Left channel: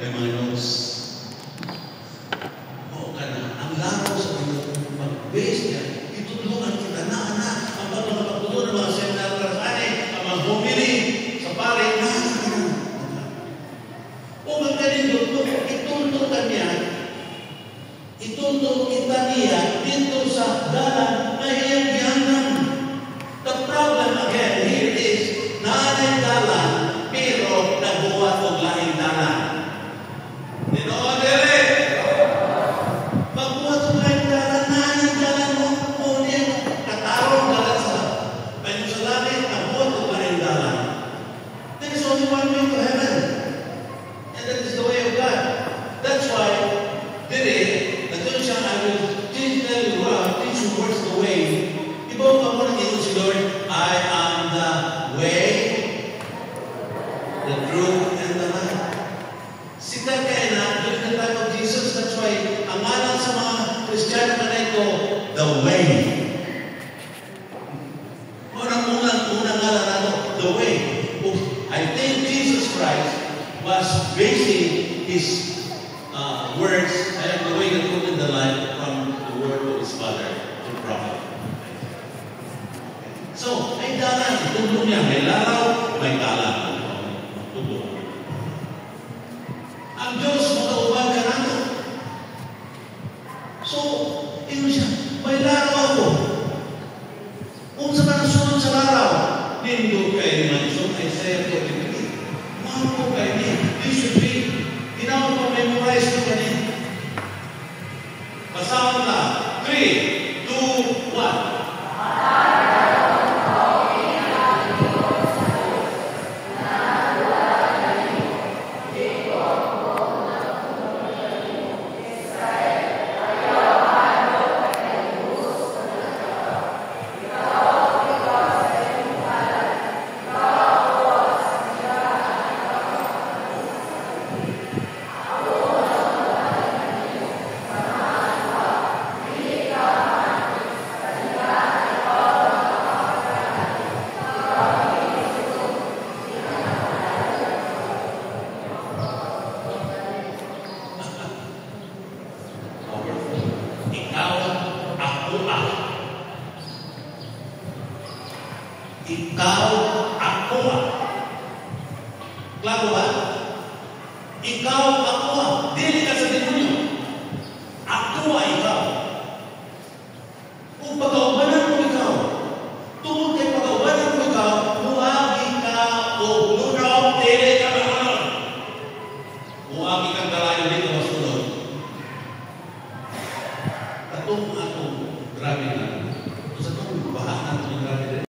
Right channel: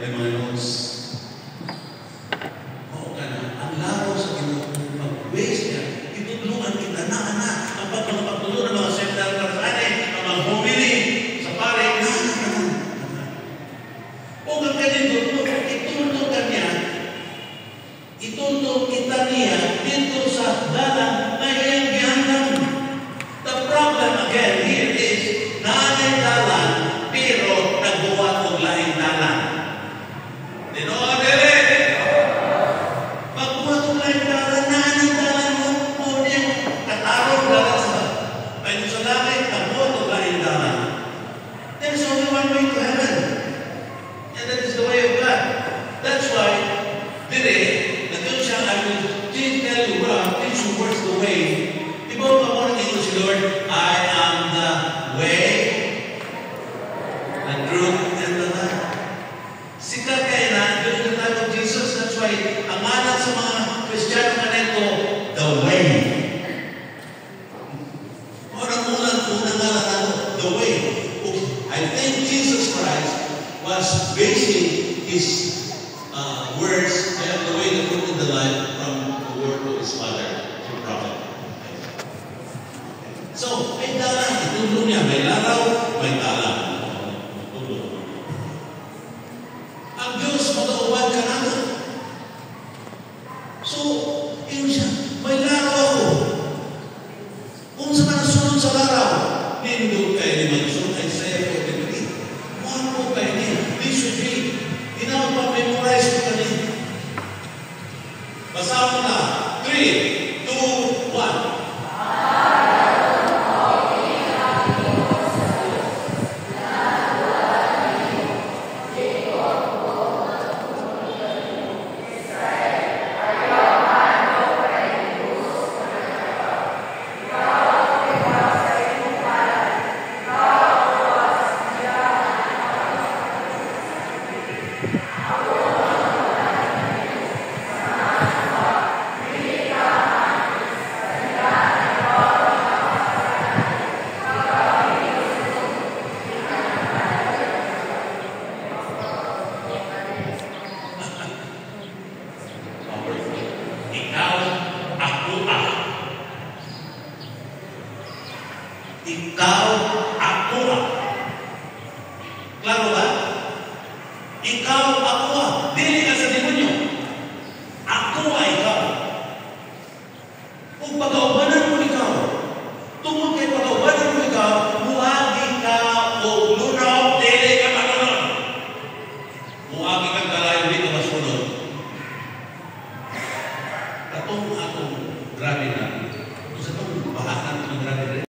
may mga notes. Oo ka na, ang laro sa Ginoo, mag-base niya, itulungan kita na, ang pagpapatuloy ng mga seminar para sa atin, ang mga bumili sa pare, ganun. O magkanito, itulong kita niya dito sa dalang na iyang gihanggang. The problem again here is, naanay dalan, pero nagawa kong lahing dalan. Dinoon din! Pagbuhat kong lahing dalan, naanay dalan mo din. Katarong dalan sa langit, nagbuhat kong lahing dalan. There is only one way to heaven. And that is the way of God. That's why, I will tell you teach you what's the way. People are wanting to use Lord, I am the way, the truth, and the life. Sikat kayo na, during the time of Jesus, that's why, ang anak sa mga Kristiyano na ito, the way. Unang ngalan na the way. I think Jesus Christ was basing his words, I am the way, the truth, and the life from the word of his father to prophet. So, may dalan. Tulo niya, may laraw, may dalan. Tulo. Ang Diyos, magkauban ka natin. So, yun siya, may laraw ako. Kung sa nasunod sa laraw, nindo kayo ni Mansun, Isaiah 53. Mahal po kayo niya. This should be tinawag pa memorize ko kanina. Basahan na. 3, 2, 1. Ikaw, ako. Klaro ba? Ikaw, ako. Dili ka sa demonyo. Ako ay ikaw. Kung pag-aubanan mo ikaw, tungkol kay pag-aubanan mo ikaw, muagi ka o lunaw, dili ka manonon. Muagi kang kalayo dito masunod. Katong akong grabe na.